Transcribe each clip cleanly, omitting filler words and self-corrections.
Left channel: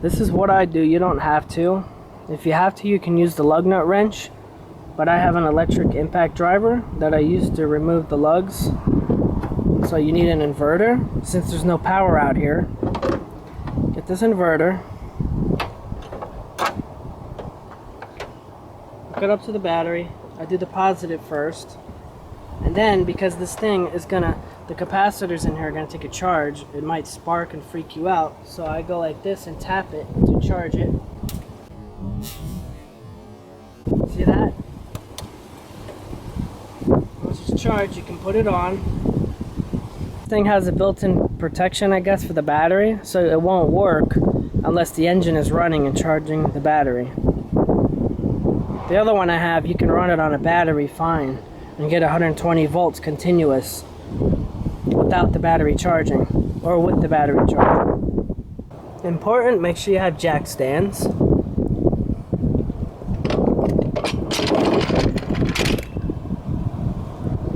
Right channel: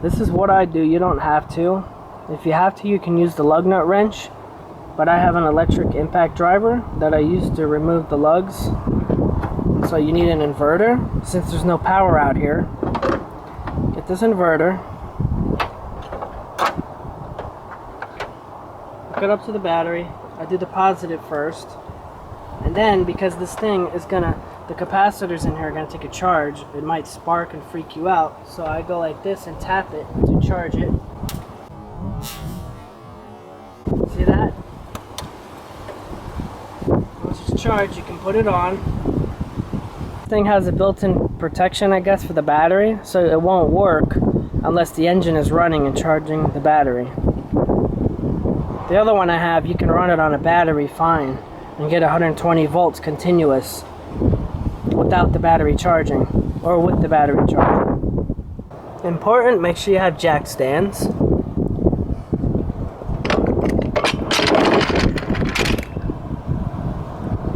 This is what I do. You don't have to. If you have to, you can use the lug nut wrench, but I have an electric impact driver that I use to remove the lugs. So you need an inverter. Since there's no power out here, get this inverter, hook it up to the battery. I do the positive first, and then because this thing is the capacitors in here are gonna take a charge, it might spark and freak you out, so I go like this and tap it to charge it. See that? Once it's charged, you can put it on. This thing has a built-in protection, I guess, for the battery, so it won't work unless the engine is running and charging the battery. The other one I have, you can run it on a battery fine and get 120 volts continuous without the battery charging, or with the battery charging. Important, make sure you have jack stands.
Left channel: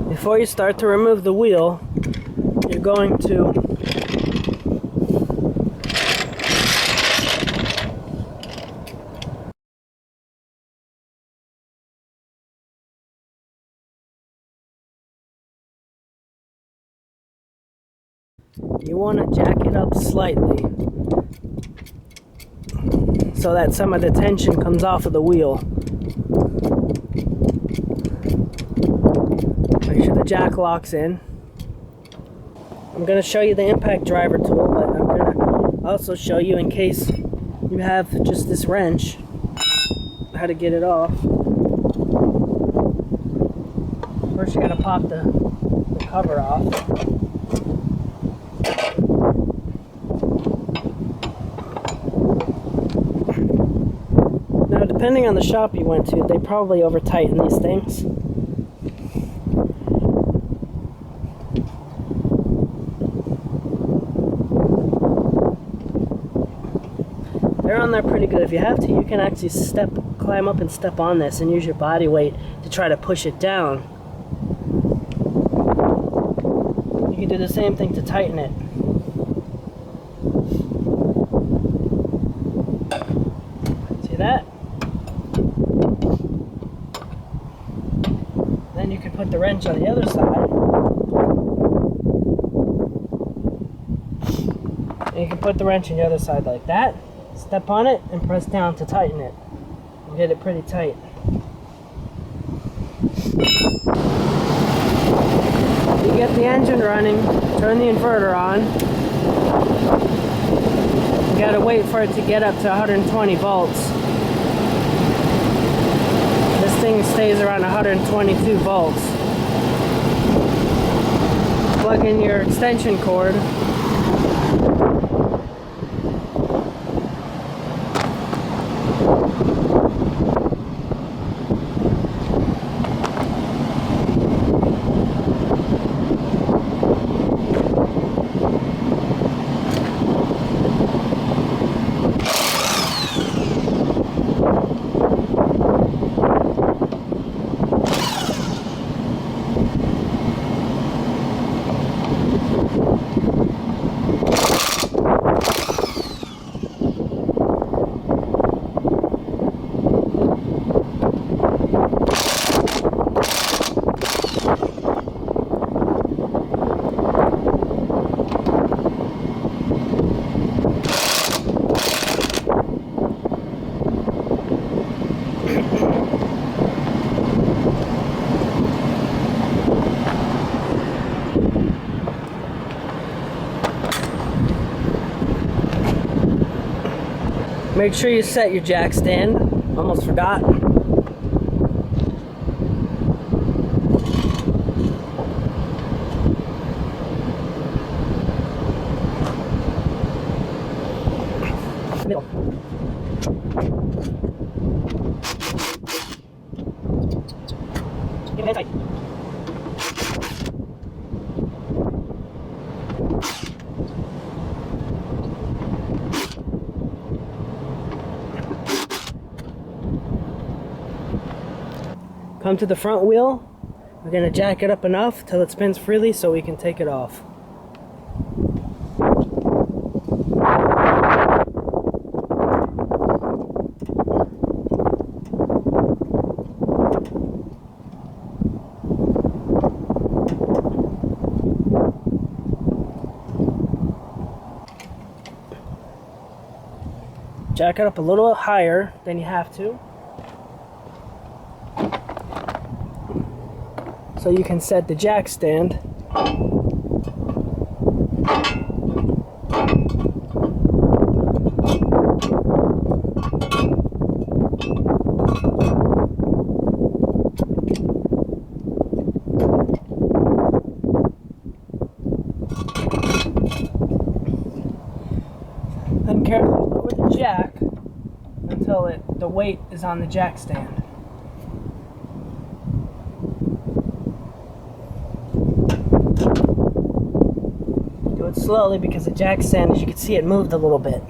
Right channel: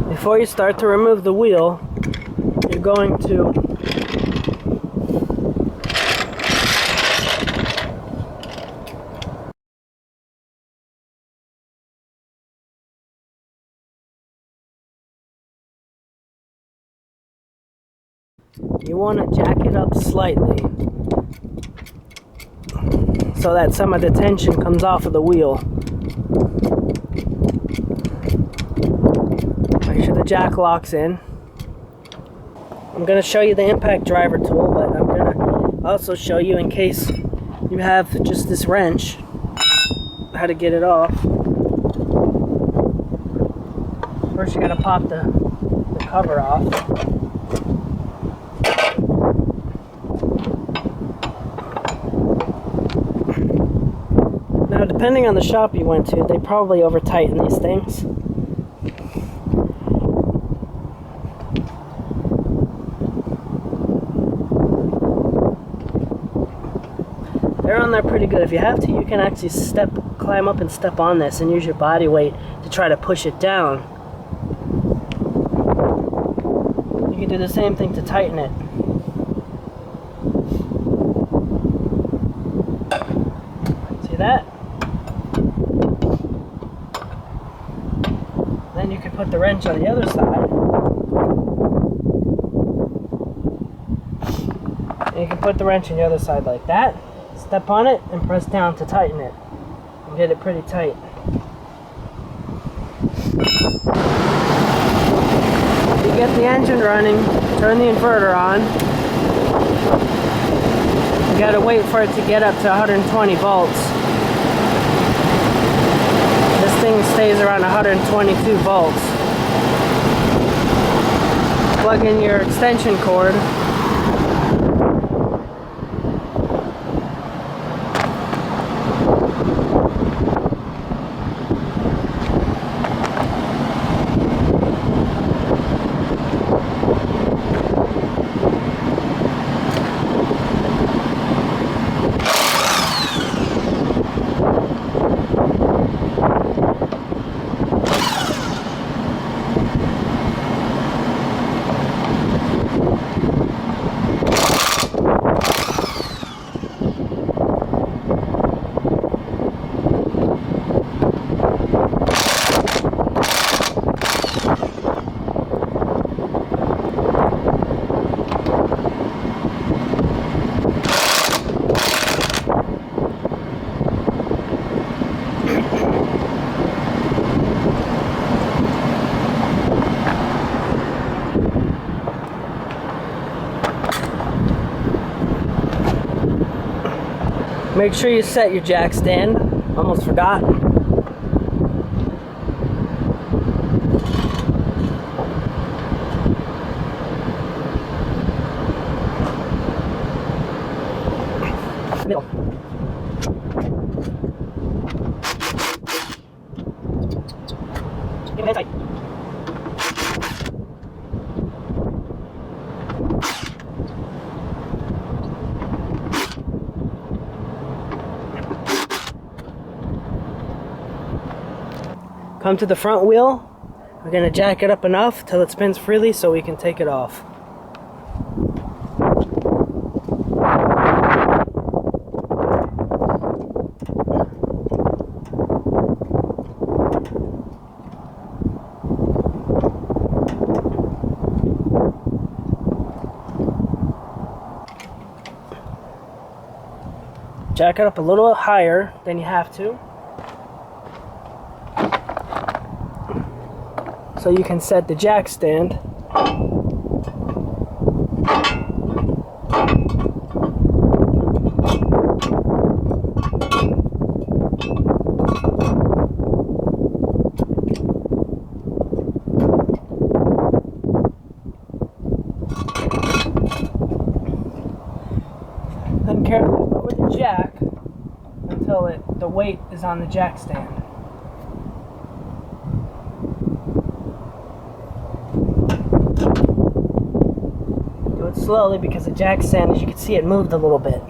Before you start to remove the wheel, you're going to want to jack it up slightly so that some of the tension comes off of the wheel. Make sure the jack locks in. I'm going to show you the impact driver tool, but I'm going to also show you, in case you have just this wrench, how to get it off. First you got to pop the cover off. Now, depending on the shop you went to, they probably over-tighten these things. They're on there pretty good. If you have to, you can actually climb up and step on this and use your body weight to try to push it down. You can do the same thing to tighten it. See that? Then you can put the wrench on the other side. And you can put the wrench on the other side like that. Step on it and press down to tighten it. And get it pretty tight. You get the engine running, turn the inverter on. You gotta wait for it to get up to 120 volts. This thing stays around 122 volts. Plug in your extension cord. Make sure you set your jack stand. Almost forgot. Middle. Give it tight. Come to the front wheel. We're going to jack it up enough till it spins freely so we can take it off. Jack it up a little higher than you have to, so you can set the jack stand. Then carefully lower the jack until the weight is on the jack stand. Do it slowly because the jack stand, as you can see, it moved a little bit.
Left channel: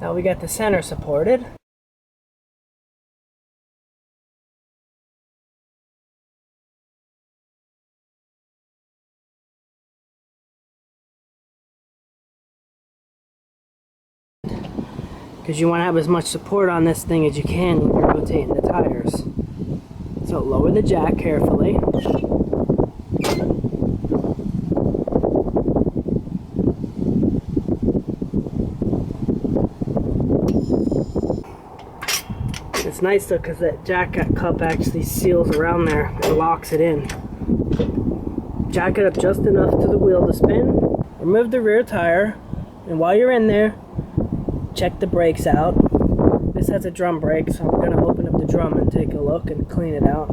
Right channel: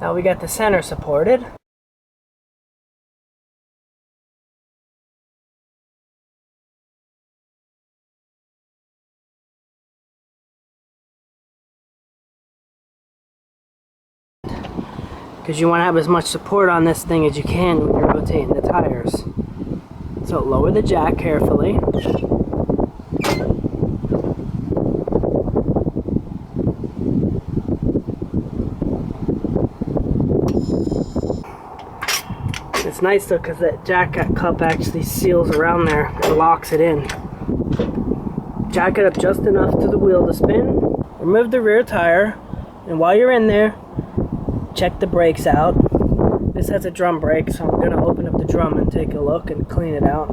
Now we got the center supported. Because you want to have as much support on this thing as you can when you're rotating the tires. So lower the jack carefully. It's nice though because that jack cup actually seals around there and locks it in. Jack it up just enough to the wheel to spin. Remove the rear tire, and while you're in there, check the brakes out. This has a drum brake, so I'm going to open up the drum and take a look and clean it out.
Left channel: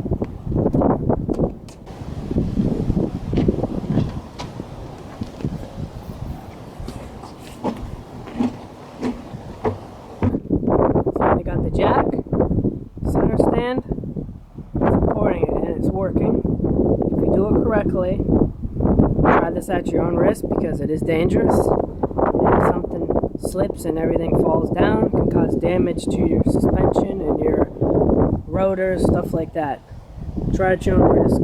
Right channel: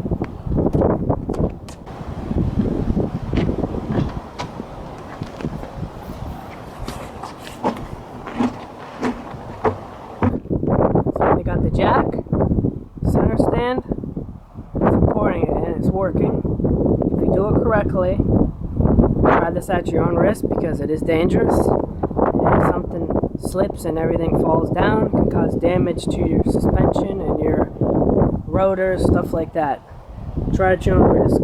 So we got the jack, center stand, supporting it, and it's working. If you do it correctly, try this at your own risk because it is dangerous. If something slips and everything falls down, it can cause damage to your suspension and your rotors, stuff like that. Try at your own risk.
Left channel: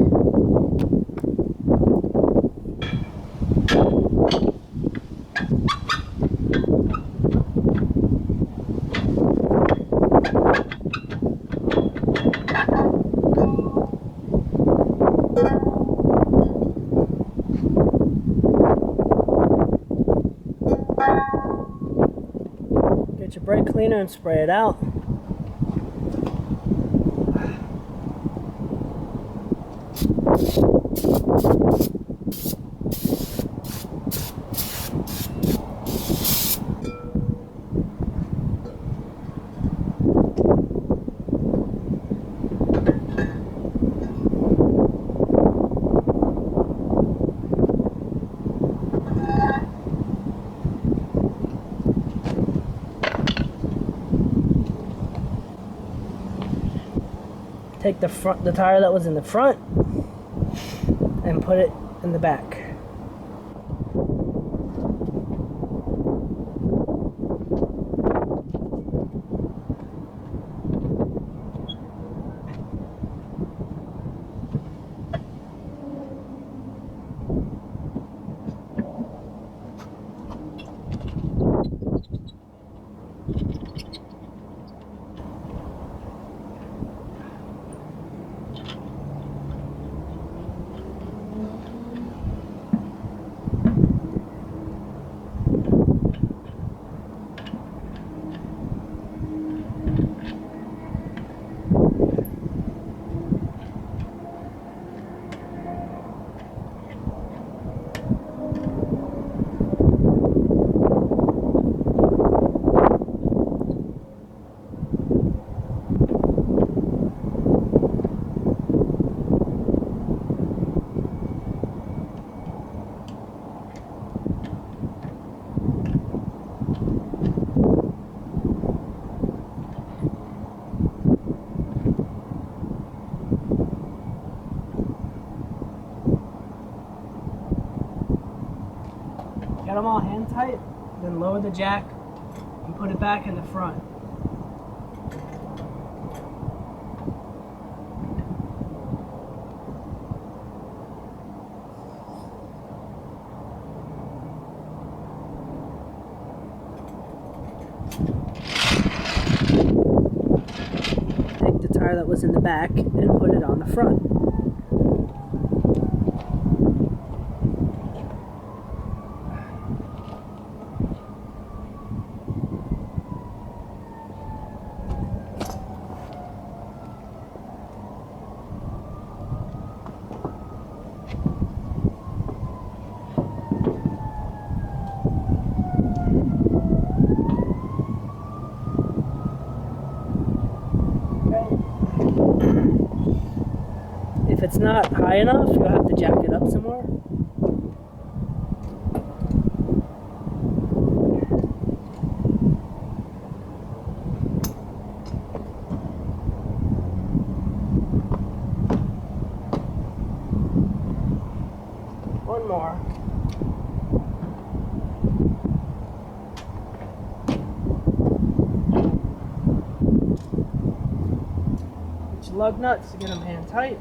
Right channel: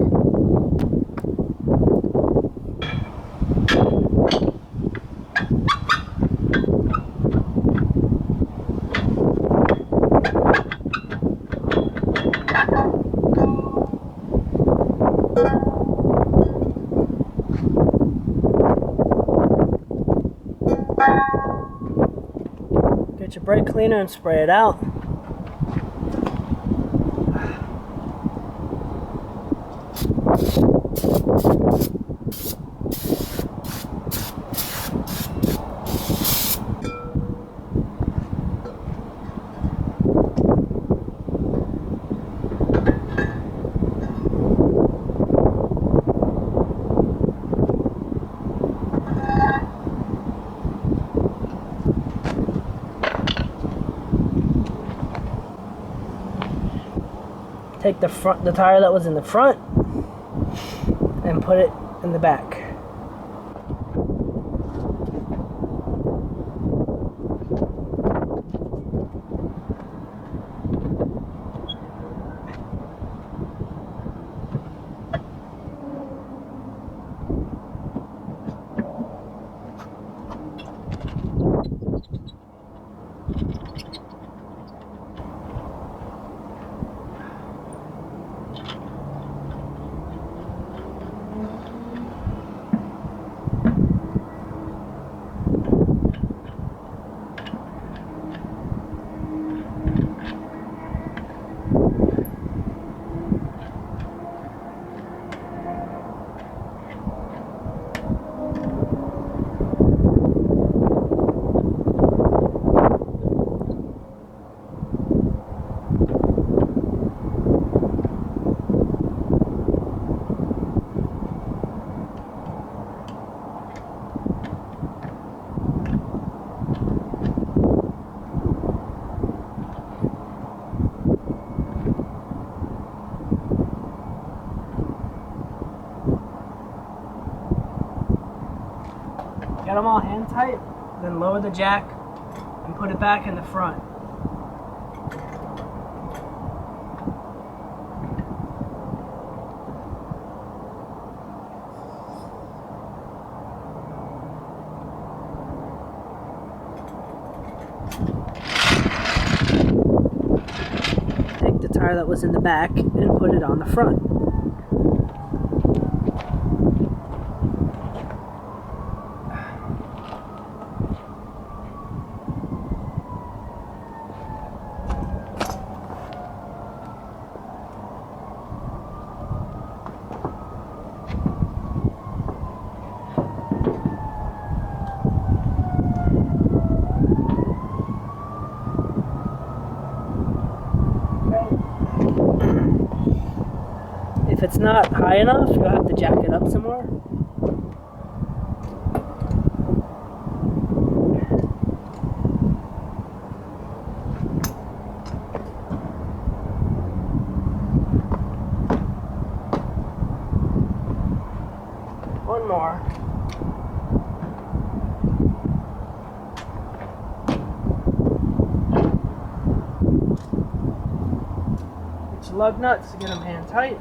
Get your brake cleaner and spray it out. Take the tire that was in the front and put it in the back. Get them all hand tight, then lower the jack and put it back in the front. Take the tire that was in the back and put it on the front. it's not high enough, you'll have to jack it up some more. One more. Get your lug nuts to get them hand tight.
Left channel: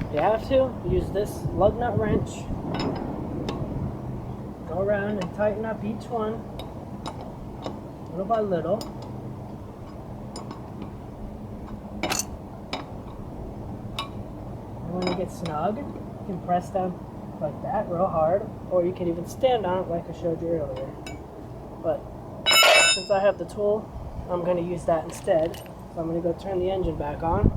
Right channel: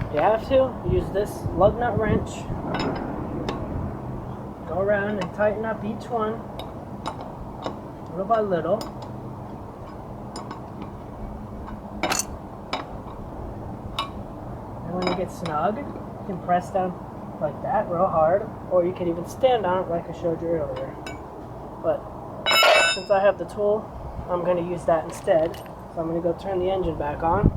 If you have to, use this lug nut wrench. Go around and tighten up each one, little by little. And when you get snug, you can press down like that real hard, or you can even stand on it like I showed you earlier. But since I have the tool, I'm going to use that instead. So I'm going to go turn the engine back on.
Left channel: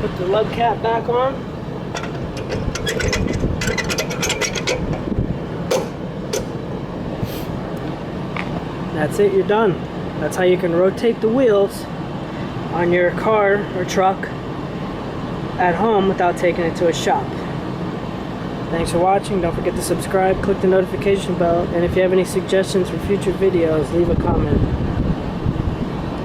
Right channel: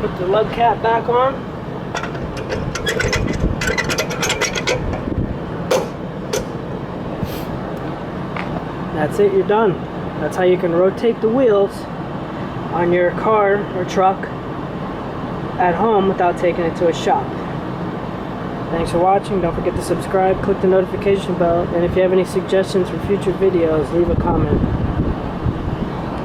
Put the lug cap back on. That's it, you're done. That's how you can rotate the wheels on your car or truck at home without taking it to a shop. Thanks for watching. Don't forget to subscribe, click the notification bell, and if you have any suggestions for future videos, leave a comment.